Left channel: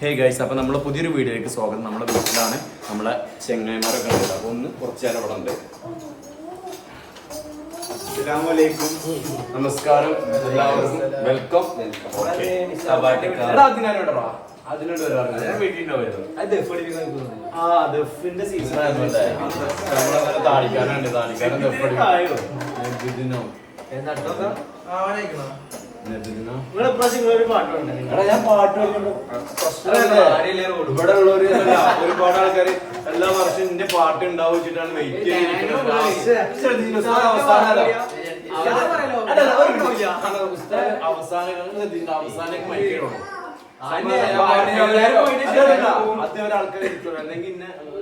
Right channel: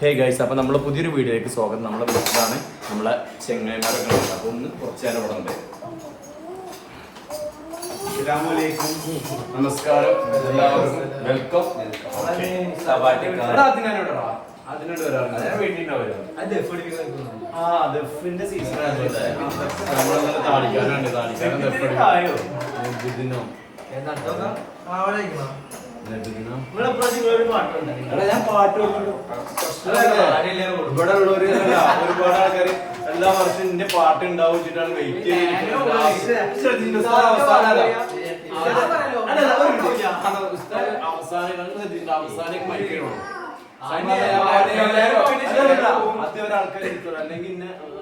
Hey guys അപ്പോൾ നമ്മൾ പുതിയൊരു വീഡിയോയിലേക്ക് സ്വാഗതം. നമ്മളെ വീട്ടിലാണ് നമ്മളെ ചെങ്ങായിമാരൊക്കെ ഉണ്ട് അപ്പോൾ ഒന്ന് കുറച്ച് നേരം ഇവിടെ ഉണ്ട്. നമസ്കാരം. എല്ലാവർക്കും വെൽക്കം സീസൺ ആയതുകൊണ്ട്. നമ്മളെ ഇവിടെ ഉള്ളവര് ഒരുപാട് ആൾക്കാര് എല്ലാ വർഷം എന്റെ പാട്ട് ഉണ്ടാവും വെച്ചിട്ടാണ് വെയിറ്റ് ചെയ്യുന്നത് അവസാനം അല്ലെങ്കിൽ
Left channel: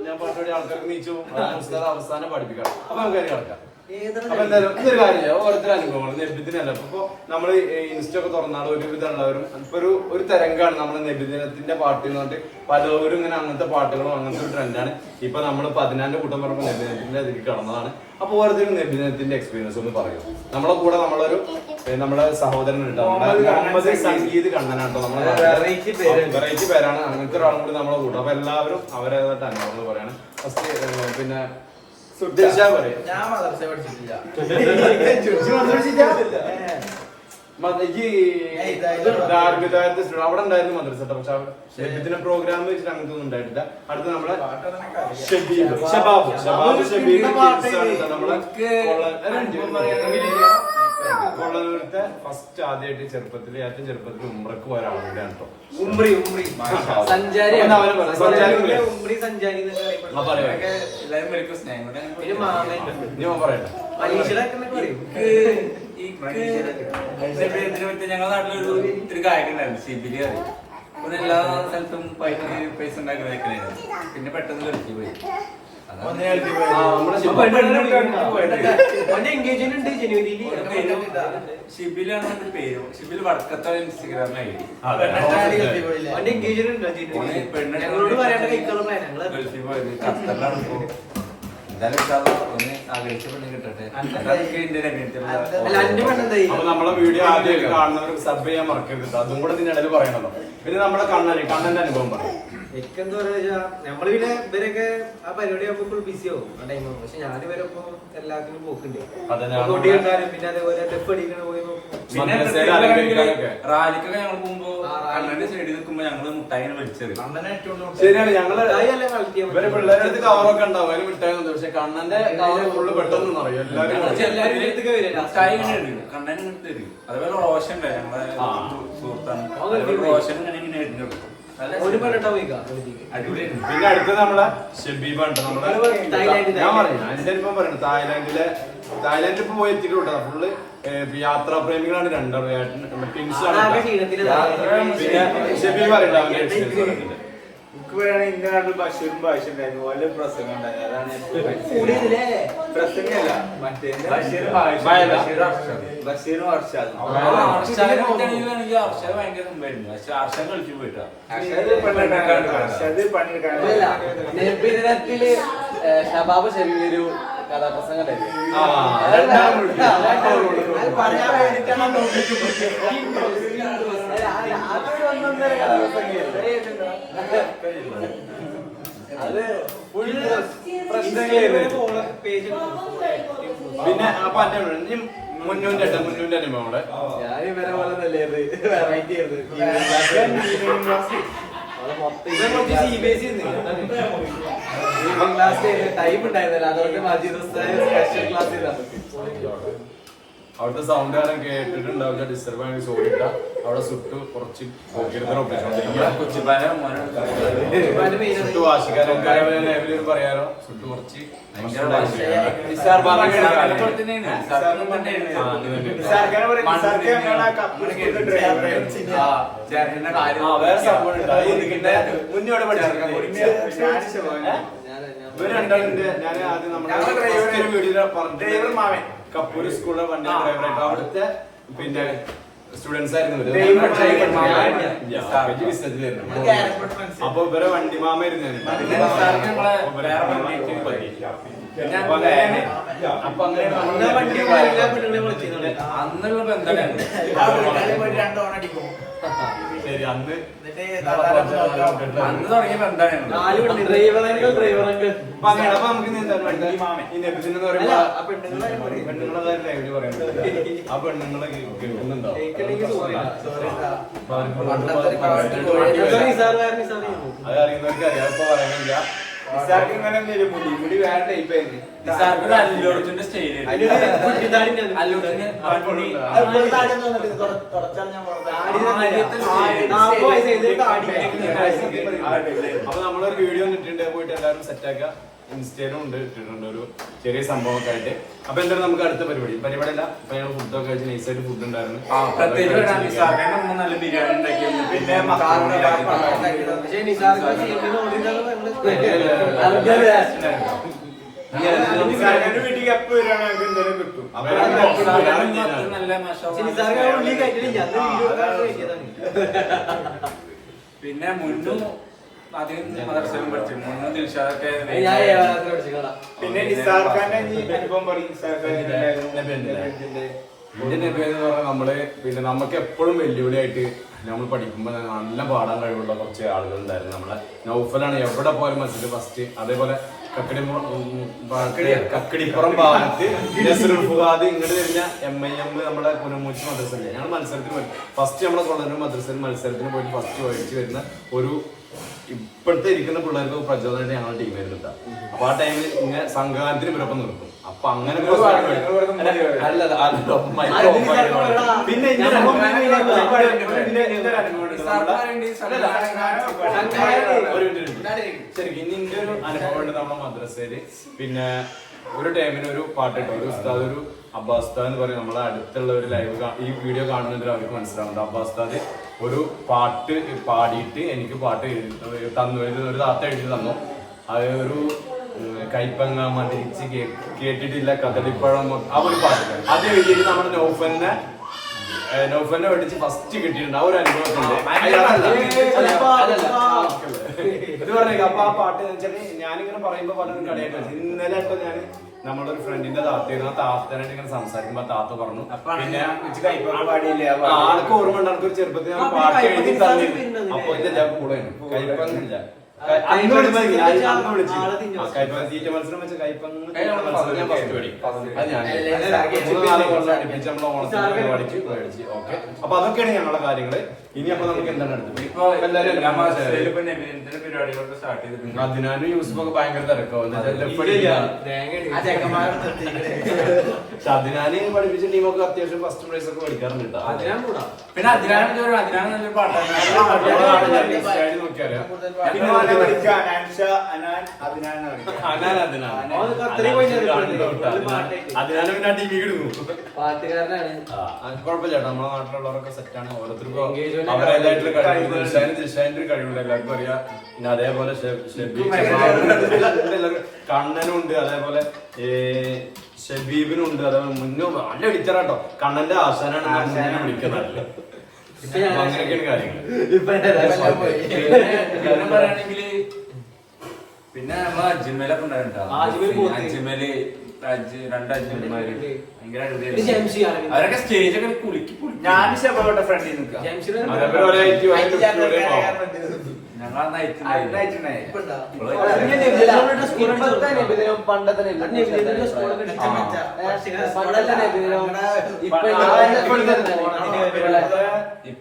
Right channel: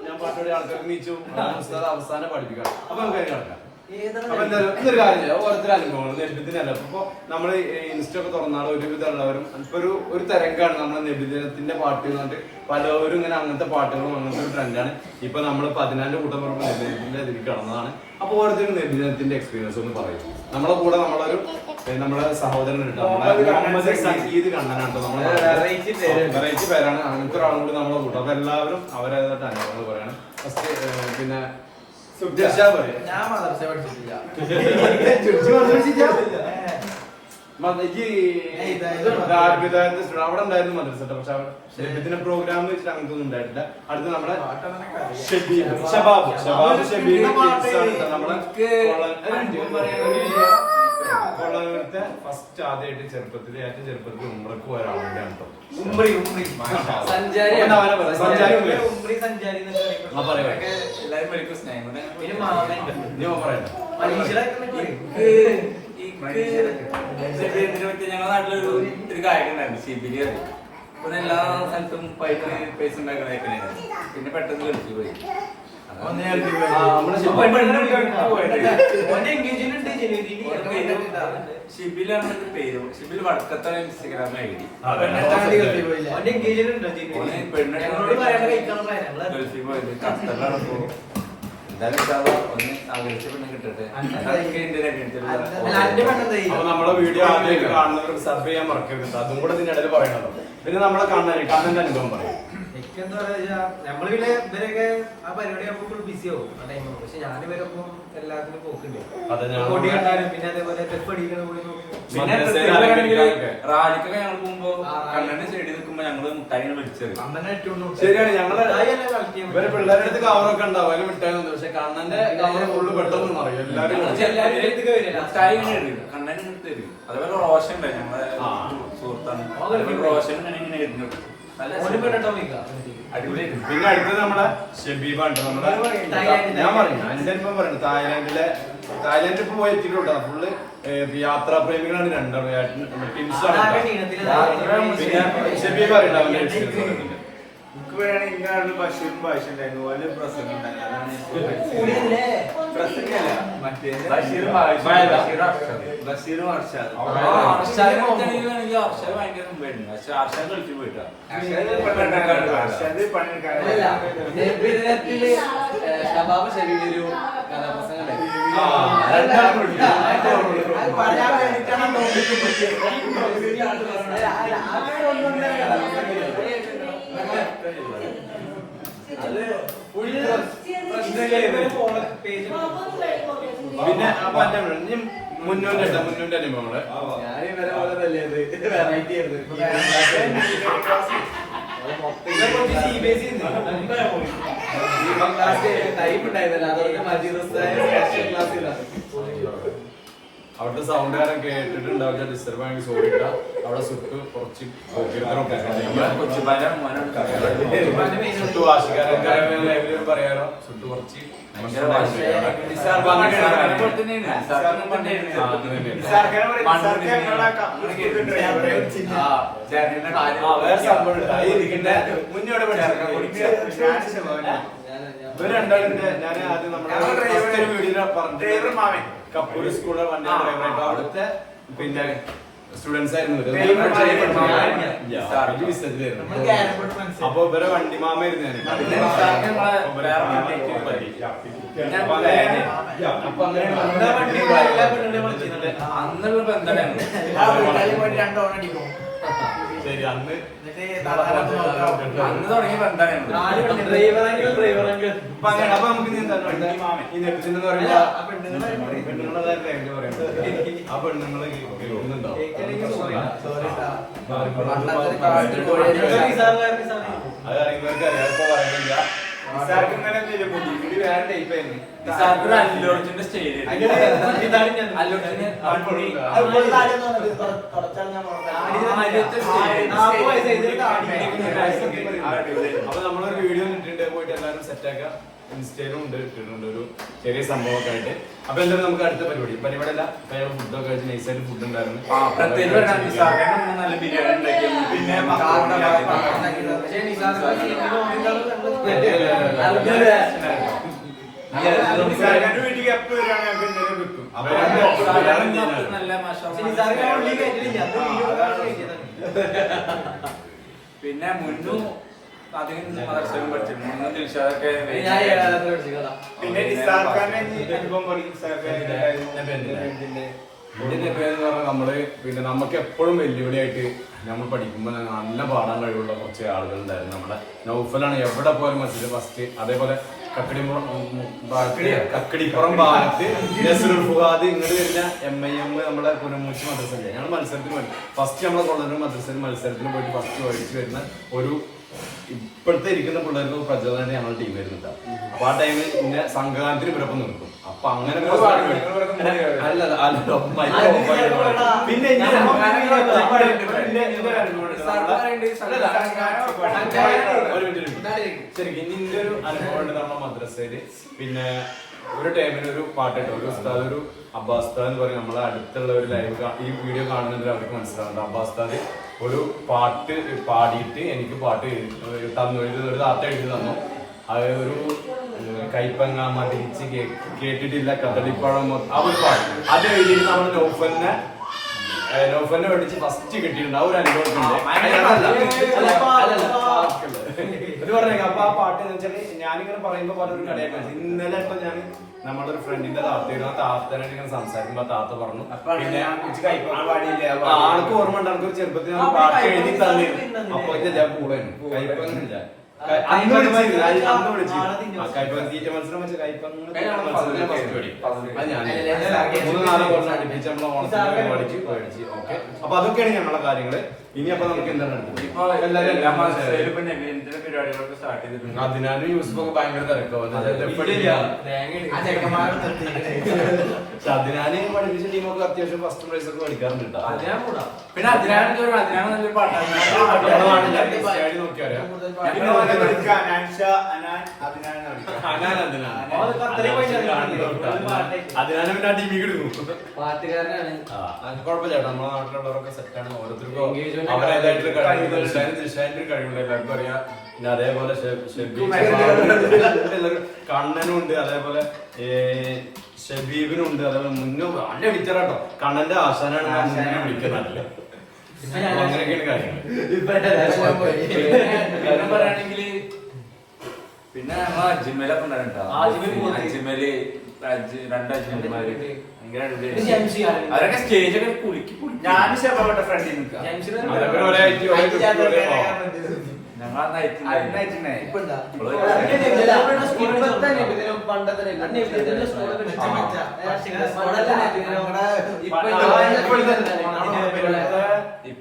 ഞാൻ പാട്ടോടെ ആൾക്കാർക്ക് നീച്ചു. ഉസ്താദ് അവസാനം പഠിപ്പിക്കാം. അപ്പൊ നമുക്ക് കിടക്കാം. ഇതൊരു കാര്യം? ഓരോരുത്തരും അനുഭവമാണ് നബിദിനല്ല അപ്പൊ നമ്മൾ ഇൻസ്റ്റ ഒക്കെ തുറന്നാണ് ഒരുവിധം ഉള്ളവരും ഇപ്പൊ ഒരു ഒരു തരംഗമാണ് നമ്മുടെ നബിദിനത്തിന്റെ പാട്ട് എന്ന് പറഞ്ഞിട്ട് പലവരും ഇങ്ങനെ അങ്ങനത്തെ പാട്ടുകളും അങ്ങനത്തെ ഒരു ട്രെൻഡാണ് ഇപ്പൊ നമ്മൾ പതിനാലിന്റെ കൂട്ടം പറയുമ്പോൾ നബിദിനത്തിന്റെ അതിൽ കടന്നതാണ്. അപ്പൊ ഓരോരുത്തരും നബിദിനത്തിന്റെ എക്സ്പീരിയൻസ് ഒന്ന് പറയും. നമ്മളെ കൂടെ നമ്മളൊരു നമ്മുടെ സഹോദരൻ മുഹമ്മദ് സംഗീത് കണ്ണനാട്ടോ നമ്മളെ വെറൈറ്റി പേരാണ്. അങ്ങനത്തെ ഒരാളും കൂടി നമ്മളെ കൂട്ടം. അപ്പൊ എല്ലാവരും അവരേതായിട്ട് അനുഭവങ്ങൾ പറയാണ്. ഫസ്റ്റ് പിന്നെ ദിൽഷ പറയും ഞാൻ മദർസ പഠിച്ചിട്ടില്ല അവിടെ ഉണ്ടായിരുന്നു മദ്രസ പക്ഷെ അവിടെ നബിദിന പ്രോഗ്രാം വെച്ചിട്ട് അങ്ങനത്തെ ഒന്നും ഉണ്ടായിട്ടില്ല അടുത്ത നമ്മളെ ഷബീബ് ഷബാബ് ഷബാബ് ഷബീബ്. നമ്മളെ കൊള്ള- ഫസ്റ്റ് ആദ്യമായിട്ട് ചെറുപ്പത്തിൽ ഏറ്റവും ചെറുപ്പത്തിൽ ഉമ്രക്ക് പോയ ഒരാളുണ്ട് കേട്ടോ ഉംറി ഉംറി സഞ്ചാരി അപ്പൊ അവനെ പറ, സഞ്ചാരി എന്നൊക്കെ അറിയപ്പെടുന്നു. ആ, പറയാം. അതൊക്കെ എല്ലാരും പഠിക്കും സ്നേഹം കൊണ്ട് പിന്നെ മാമൻ നീ ഓൻ പറയട്ടെ. പരീക്ഷയിലൊക്കെ എന്നൊക്കെ പറയും. ഞങ്ങളുടെ നാട്ടിലൊരു ഒരു ഗായകൻ ഉണ്ടായിരുന്നു സിബിലി പറയും. ഇപ്പൊ എല്ലാ സ്ഥലത്തും പൈസ പൈസ ഉണ്ടാക്കുന്ന പിന്നെ പെട്ടെന്ന് കളിച്ചു പോയി. നമ്മളെ വീഡിയോ ആദ്യമായിട്ട് കാണുന്നവർക്ക് സബ് ചെയ്യാൻ മറക്കരുത്. അതും കൂടെ ഇതിനിടയിൽ പറയണം പിന്നെ നമ്മളെ കണ്ണന് കണ്ണന്റെ അനുഭവം പറയും. എനിക്കെന്താ പറയാ നമ്മൾ പിന്നെ ഇവരൊക്കെ ആ പരിപാടി ആകുമ്പോൾ ഫുൾ ബിസി ആവും ആ ടൈമിൽ പക്ഷെ ഞാൻ ഇവരൊപ്പം എല്ലാത്തിനും ഞാൻ- കൊടി കണ്ടാലും പിന്നെ അതേപോലെ തെപ്പ് അടിക്കണ പോയി പിന്നെ. റാലിക്കൊക്കെ ഞങ്ങൾ പോകുമ്പോ. കണ്ണന്റെ സൈഡിൽ നിൽക്കുമ്പോ ഞങ്ങൾ മേടിച്ചത് ശരിയാണ് ഞങ്ങൾ ഇവർ പിള്ളേരുടെ അടുത്ത് കവറൊക്കെ ഉണ്ടാവും അതിന് മിഠായി ഒന്നും പക്ഷെ കണ്ണന്റെ കവർ ഫുള്ള് പെട്ടെന്ന് അറിയും എല്ലാവരും മുട്ടായി കണ്ണൻ ഇങ്ങനെ തരും. അതേപോലെ റോഷൻ ഉണ്ട് ഞങ്ങളെ. സുഹൃത്താണ്. റോഷൻ ഇങ്ങനെ എഴുതി ഇടുന്നു പിന്നെ അടുത്തത് നമ്മളെ ഷെബീബാണ് നമ്മളെ തായ്ലാൻഡ്, ഞാൻ പറഞ്ഞു എന്റെ അനുഭവം പറയുന്നത് തായ്ലാന്റിലെ തായ്ലാന്റിൽ ഇപ്പൊ പോയി എത്തിയിട്ടുണ്ട് ഫുള്ള് യാത്രാ പ്രേമികളാണ് രണ്ടും ടിൻസ് ആണ് ആകെ ട്ടോ. ക്ഷീണത്തിൽ. യാത്ര പിന്നെ ഷെബീബ് പറയണ്ട? Experience വേണേ ഇന്റെ ബഷീർ ഭാഷ ഉണ്ടായിരുന്നു. ഓരോ പ്രസംഗം ഉണ്ടായിരുന്നു. അതാണ് പ്രസംഗമല്ല മറ്റേത് ബഷീർ. ബഷീർ അർഷദ് ഭയങ്കര മുമ്പായിരുന്നു. പക്ഷെ അർഷദ് ഗൾഫിൽ പോയിട്ടാ. അർഷാദ് നബിദിനത്തിൽ ഷബാബ് കഥാപ്രസംഗം അത്. പേജ് പിന്നെ അപ്പൊ മുന്നൂന്റെ കേട്ടോ മുന്നൂന്റെ അനുഭവം ഞാൻ ഇവരെ പോലെ തന്നെ ഇത്. വെറൈറ്റി ആയിരുന്നു. ഇവൻ കുറച്ച് CBSE ന്ന്. ക്ലാസ് ടൈം ഉണ്ടായിരുന്നില്ല അതുകൊണ്ട് മതി സ്പെഷ്യൽ ക്ലാസ്സിലാണ് അവിടുത്തെ സൗണ്ട് കാരം കേട്ടിട്ടുണ്ടാവില്ല ഡിസ്റ്റർബ് ആയി സോറി അവിടെ സുട്ടു കുറച്ച്. സുട്ടു വാശിക്കാരൻ പറയാനോ സുട്ടു കുറച്ച് ചേർക്കാൻ പഠിച്ചിട്ടുണ്ട്. ഞാൻ ആദ്യം നമ്മുടെ ഞങ്ങൾ ഡ്രൈവർ- മാമൻ. സ്കൂളിലെ വണ്ടി ഡ്രൈവറായിട്ട് അവിടുത്തെ പിന്നെ സ്റ്റുഡൻസ് ആയിരുന്നു. അപ്പൊ ഇവരെ വണ്ടി. മാമ പെണ്ണുങ്ങളെയും അന്നുള്ള ബന്ധമാണ് ശരി അന്ന് അന്ന് തുടങ്ങിയ ബന്ധമാണ് അപ്പൊ അങ്ങനെ അപ്പൊ നമുക്ക്? ഈ നെബിദിൻ എന്ന് പറയുമ്പോ അല്ല, ആ പെണ്ണുങ്ങളെ പറയും. പെണ്ണുങ്ങളെ കാര്യം ലൈവിൽ പറയുന്നത് ആ പെണ്ണുങ്ങൾ കേൾക്കുന്നുണ്ടോ കേൾക്കണമെങ്കിൽ sorry. അപ്പൊ ആർക്കും ഇതൊരു നിസ്സാരക്കാരൻ നിസ്സാരം. അത് അറിയുന്നവർക്ക് അറിയാം പറയാനില്ല അപ്പൊ നമ്മളൊരു വീഡിയോ ഇട്ടിട്ടുണ്ട് പോയിട്ട് എല്ലാവരും സെറ്റ് ആക്കുക ഇൻസ്റ്റയിലും ഉണ്ട് ഇട്ടിട്ടുണ്ട് ഒരു ചെറിയ സംഭവമൊക്കെ ആയിട്ട് അപ്പൊ എന്തായാലും നമുക്ക് അടുത്ത പരിപാടി. പരിപാടി അല്ല അപ്പൊ ഞങ്ങൾ ഫുഡൊക്കെ കഴിച്ച് നൈസായിട്ട് ഫുഡ് ഉണ്ടായിരുന്നു. നല്ല ബിരിയാണി ഉണ്ടാക്കി. പിന്നെ മുന്നു അധികം മദർസയിലും പഠിച്ചു മുന്നും ദിൽഷാദൊക്കെ ഞാൻ ഏഴാമത്തെ പഠിച്ചിട്ടാ പിന്നെ ഇസാഖാനെ ഈ അനുഭവം പറയും. ഇസാഖാന്റെ ഇന്ത്യൻ നബി പറഞ്ഞാൽ നമ്മൾ പിന്നെ നമുക്ക് എപ്പോഴും വെല്ലുവിളിയായിട്ട് നമ്മൾ പഠിക്കുമ്പോൾ നല്ല പാടാൻ കഴിവുള്ള കുറച്ച് ആളുകൾ ഉണ്ടായിരുന്നു നമ്മളെ നൗഫലാണ് എവിടെ പോയാലും മസ്ജിദ് ഫസ്റ്റ് അതേപോലെ കക്കടിപ്പുറം കക്കടിപ്പുറം ഭാഗത്ത് നസറുൽ ഫുഹാദ് ഇങ്ങോട്ട് വരുന്ന എം ഐ എം നമ്മളെ പുനമൂച്ചി മദ്രസയിലെ ഞങ്ങൾ മത്സരത്തിന് ഫസ്റ്റ് നമ്മളെ കൊണ്ടുവരുന്ന മദ്രസയിൽ മത്സരത്തിന് പോയിട്ട് ഫസ്റ്റ് ഒഴിച്ചു വരുന്ന ഒരു ഇപ്പോഴത്തെ ഇരിക്കുന്ന പിള്ളേർക്ക് പ്രചോദനമായിട്ട് ഞങ്ങളുടെ ടീം വരുന്നില്ല അപ്പൊ ആ ടൈമിൽ ഇങ്ങനെ സംഘകാലത്തിന് ഇവരൊപ്പം നിർത്തും അപ്പൊ അങ്ങനെ. അല്ല, പിന്നെ. ശരിക്കും ഇനി ഇന്റെ ഒരു അനുഭവം ഉണ്ട് നമ്മുടെ മദ്രസയിൽ. പിന്നെ ഒരു ടൈമിന് ഒരു പാട്ടിട്ടു ഒരു ഉസ്താദ് ഒരു അബ്ബാസ്താദ് എന്ന് പറയും. നമ്മളെ അടുത്തുള്ള ഒരു ലൈവ് ഈ വീഡിയോ കാണുന്നതിൽ അവർക്ക് മനസ്സിലാവുന്നുണ്ട്. അബ്ബാസ്താദ് ഒരു പാട്ട് പാടിയിട്ട് എനിക്ക് പാട്ട് തന്നു. എഴുതി ഒരു താത്ത എഴുതി തന്നു. അത് ഒരു കൈപ്പങ്ങ മതിരിച്ച് കേട്ടിട്ടില്ല. കദളിപ്പഴം ആ ഒരു പാട്ട്. അത് എഴുതിയിട്ട് നമ്മുടെ നൗഫലിനെ നൗഫലിനെ മേടിച്ച് ഫസ്റ്റ് കിട്ടിയിട്ടുണ്ട്. ആ ഒരു അനുഭവത്തിന്റെ ഇത് പറഞ്ഞേക്കാം അപ്പൊ ആ പാട്ട് വെച്ചാൽ ഞാനിങ്ങനെ പറയുമ്പോ പാട്ടൊരു കളിയാക്കാം ഇന്നലെ ഇപ്പൊ ഞാൻ നമ്മുടെ ഒരു ഫ്രണ്ടിന്റെ താത്തയുടെ ആ താത്തനായിട്ട് ഇങ്ങനെ സംസാരിക്കുമ്പോ താത്ത പറഞ്ഞു പിന്നെ ആൾക്ക് ഓർമ്മ ഉണ്ട് എനിക്ക് ഒരു ചെറുപ്പത്തിൽ ഞാൻ പാട്ട് എഴുതി അപ്പൊ ഇതെല്ലാം കൂടെ കൈപ്പങ്ങില്ല അപ്പൊ അതൊക്കെയാണ് ഞങ്ങളുടെ കാര്യങ്ങൾ. ഇനി അപ്പൊ നമുക്ക് എന്താണ് അതിനാലും യൂസ് ഒക്കെ അതിനാലും യൂസഫൊക്കെ ഭയങ്കര പക്ഷെ അതിനാല് പഠിപ്പിച്ച ടീമൊക്കെ അത്യാവശ്യം ഫസ്റ്റ് പ്രൈസ് ഒക്കെ മേടിക്കാറുണ്ട് പിന്നെ അതിനാണ് അതിനാണ് നല്ലൊരു പാട്ടാണ്. നാട്ടിലെ ഇൻസ്റ്റയിൽ നോക്കിയാലോ പിന്നെ ഓനെ വിളിക്കാം. അനാൻഷ, അനാൻ, അതിനാണ് വിളിക്കാം. അതാണ് അതിനാണ്. അവൻ ഖത്തറിൽ പോയി അതിനാണ് ചേർന്നിട്ടുണ്ട്. അതിനാണ് അതിനാണ് പിന്നെ ആ ടീമിൽ ഇടുന്നു പാട്ടുകാരനാണ്. ആ, അത് കുഴപ്പമില്ല ചേട്ടാ നമ്മുടെ നാട്ടിലുള്ളവരൊക്കെ സെറ്റാണ് ഓരോരുത്തർക്കും കഴിവുണ്ട് ദിൽഷാൻ ദിൽഷാന്റെ കഴിവുണ്ട്. എല്ലാവർക്കും അറിയാം. പിന്നെ അതേപോലെ കണ്ണനും ഉണ്ട്. അതേപോലെ ഷബീബിനും ഉണ്ട്. അതേപോലെ മുന്നും നല്ല വിളിച്ചാട്ടോ കണ്ണന്റെ ആശാനാണ്. ഞാൻ വിളിക്കുന്നത്. പറയുകയാണെങ്കിൽ പിന്നെ നമ്മളെ അജ്മലൊക്കെ ഉണ്ടായിരുന്നു. അജ്മൽ രണ്ട് അജ്മന്മാര് അവരൊക്കെ സ്റ്റേജ് ഒക്കെ ഞാൻ ഫ്രണ്ടിൽ നിൽക്കാം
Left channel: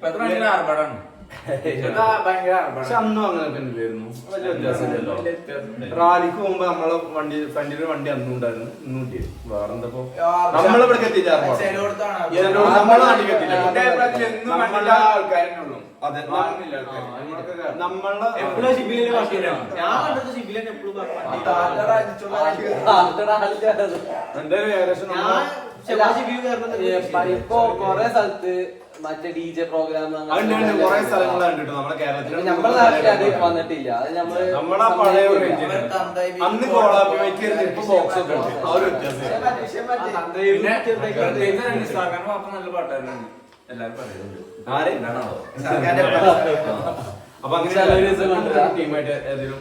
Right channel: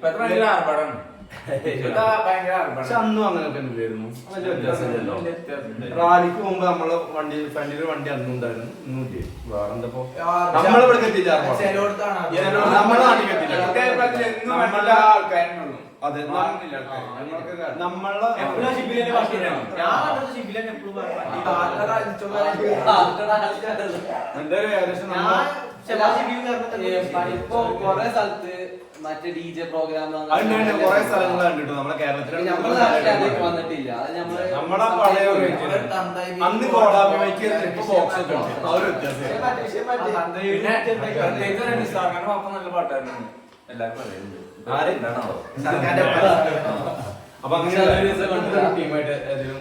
ഭയങ്കര ആർഭാടാണ് പക്ഷെ അന്നും വലിയ വ്യത്യാസമില്ലല്ലോ റാലിക്ക് മുമ്പ് നമ്മളെ വണ്ടി ഫ്രണ്ടിൽ ഒരു വണ്ടി അന്നും ഉണ്ടായിരുന്നു ഇല്ലേ? വേറെന്തപ്പോ നമ്മളിവിടെ നമ്മളെ നാട്ടിൽ എത്തിയില്ല അതെ. നമ്മളെ എന്തായാലും ഏകദേശം ഞാൻ നമ്മ- ഷെബാ ഷിബിൽ കാരണം ഇപ്പൊ കൊറേ സ്ഥലത്ത് മറ്റേ ഡി ജെ പ്രോഗ്രാം അതുണ്ട് കുറെ സ്ഥലങ്ങൾ കണ്ടിട്ടു നമ്മുടെ കേരളത്തിൽ നമ്മുടെ നാട്ടിൽ അത് വന്നിട്ടില്ല. അത് നമ്മൾ നമ്മളെ പഴയ ഒരു നമ്മൾ അന്ന് കോളാബിക്ക് ഇപ്പൊ ബോക്സ് ഒക്കെ ഉണ്ട്. ആ ഒരു വ്യത്യാസം പിന്നെ പ്രത്യേകിച്ച് നിസാർഖാൻ പാപ്പ നല്ല പാട്ടായിരുന്നു എല്ലാരും പറയുന്നുണ്ട്. ആര്? അപ്പൊ അങ്ങനെ. ടീമായിട്ട് ഏതെങ്കിലും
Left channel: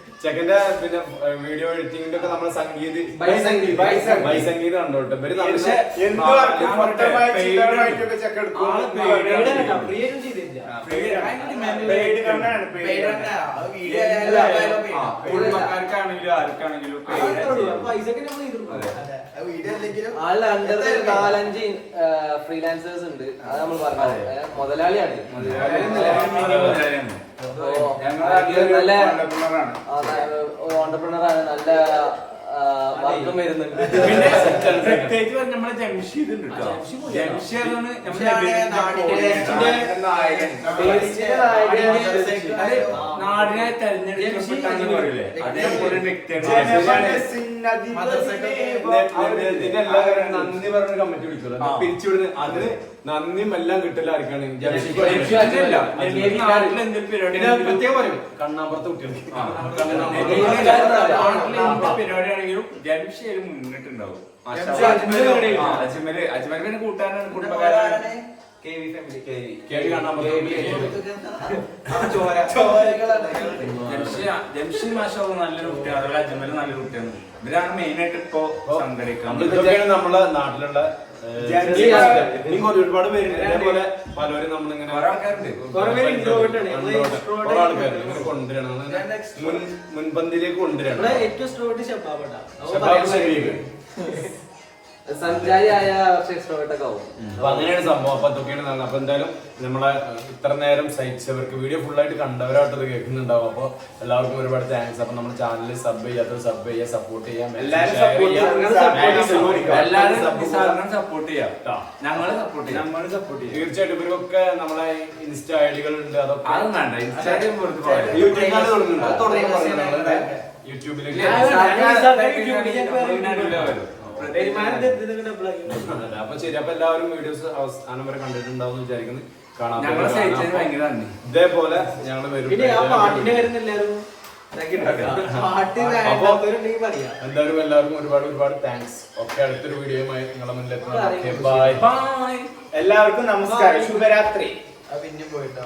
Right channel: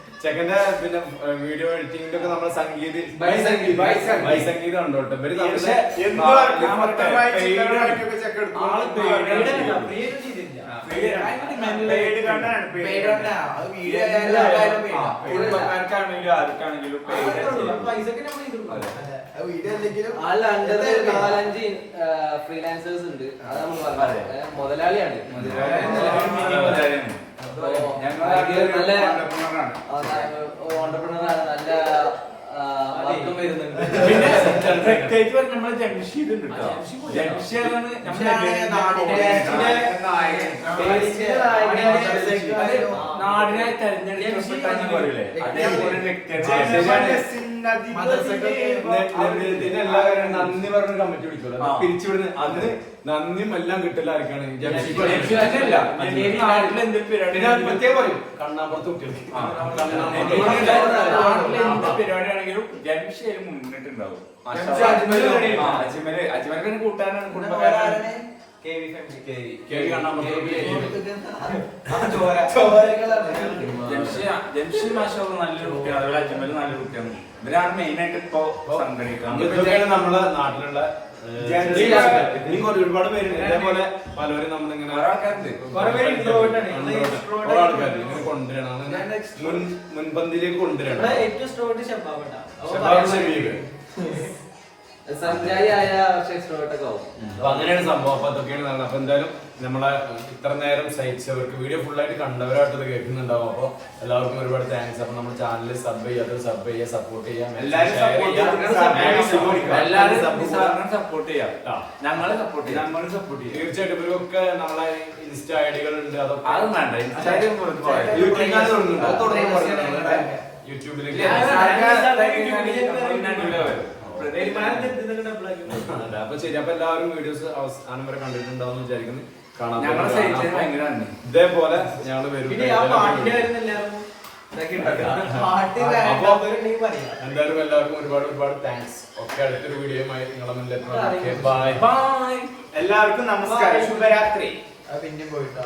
ചെക്കന്റെ പിന്നെ വീഡിയോ എഡിറ്റിംഗിന്റെ ഒക്കെ നമ്മളെ സംഗീത് കണ്ടോട്ടെ. ഇവർ കുടുംബക്കാർക്കാണെങ്കിലും ആർക്കാണെങ്കിലും ആളിൽ അണ്ടർ നാലഞ്ച് ഫ്രീലാൻസേഴ്സ് ഉണ്ട്. അത് നമ്മൾ പറഞ്ഞു. മുതലാളിയാണ്. നല്ല entrepreneur-ആണ്. ആണ്. നല്ല വർക്കും വരുന്നുണ്ട്. പിന്നെ പ്രത്യേകിച്ച് പറഞ്ഞ നമ്മളെ ജംഷീദ് ഉണ്ട് കേട്ടോ ജംഷീദാണ് തെരഞ്ഞെടുക്കപ്പെട്ടാന്ന് പറയൂലേ? അതേപോലെ നന്ദി പറഞ്ഞ കമ്മിറ്റി വിളിക്കുമല്ലോ പിരിച്ചുവിടുന്നത് പിരിച്ചുവിടുന്ന അത് നന്ദിയും എല്ലാം കിട്ടില്ല ആർക്കാണ്. അജ്മൽ. പ്രത്യേകം പറയൂ. കണ്ണാമ്പുറത്ത് കുട്ടികൾക്ക്. പരിപാടിയാണെങ്കിലും മുന്നിട്ടുണ്ടാവും അജ്മലും അജ്മൽ. അജ്മൽ പിന്നെ കൂട്ടുകാരനാണ് കുടുംബക്കാരനാണ്. KV family. കെ വി കണ്ണാമ്പുറത്ത് ജംഷി ജംഷി മാഷോ നല്ലൊരു കുട്ടിയാണ്. അതുപോലെ അജ്മൽ നല്ലൊരു കുട്ടിയാണ്. ഇവരാണ് മെയിൻ ആയിട്ട് ഇപ്പൊ നമ്മളെ നാട്ടിലുള്ള ജംഷി ഇനിയും ഒരു- ഒരുപാട് പേരുണ്ട്. ഇതേപോലെ പലരും നമ്മളിങ്ങനെ കൊണ്ടുവരണം. മുൻപന്തിയിലേക്ക് കൊണ്ടുവരണം. ഏറ്റവും അപ്പൊ അങ്ങനെയാണ് സംഭവം. അപ്പൊ അതൊക്കെയാണ് നല്ലത്. അപ്പൊ എന്തായാലും നമ്മളെ ഇത്ര നേരം സഹിച്ചവർക്ക് വീഡിയോ ഫുൾ ആയിട്ട് കണ്ടവരായിട്ട് ഇത് കേൾക്കുന്നുണ്ടാവും. അപ്പൊ എല്ലാവർക്കും ഒരുപാട് താങ്ക്സ് അപ്പൊ നമ്മുടെ ചാനലിൽ സബ് ചെയ്യാത്ത സബ് ചെയ്യുക സപ്പോർട്ട് ചെയ്യാം സപ്പോർട്ട് ചെയ്യാം. ഞങ്ങളെ സപ്പോർട്ട് ചെയ്യാം. ഞങ്ങളും സപ്പോർട്ട് ചെയ്യാം. തീർച്ചയായിട്ടും ഇവരൊക്കെ നമ്മളെ ഇൻസ്റ്റ ഐഡികൾ ഉണ്ട് അതൊക്കെ അത് വേണ്ട. ഇൻസ്റ്റാഗ്രാം വെറുതെ പറയാം യൂട്യൂബ് ചാനൽ തുടങ്ങുന്നുണ്ട് അത് തുടങ്ങി പറഞ്ഞിട്ടുണ്ട്. യൂട്യൂബിലേക്ക് അപ്പൊ ശരി അപ്പൊ എല്ലാവരും വീഡിയോസ് അവസാനം വരെ കണ്ടിട്ടുണ്ടാവും വിചാരിക്കുന്നു. നന്ദി ഇതേപോലെ ഞങ്ങൾ വരും. എന്തായാലും എല്ലാവർക്കും ഒരുപാട് ഒരുപാട് താങ്ക്സ് ഒക്കെ അടുത്തൊരു വീഡിയോയുമായി നിങ്ങളെ മുന്നിൽ എത്തുന്നു ബൈ ബൈ എല്ലാവർക്കും നമസ്കാരം. ശുഭരാത്രി. പിന്നെ പോയിട്ടോ.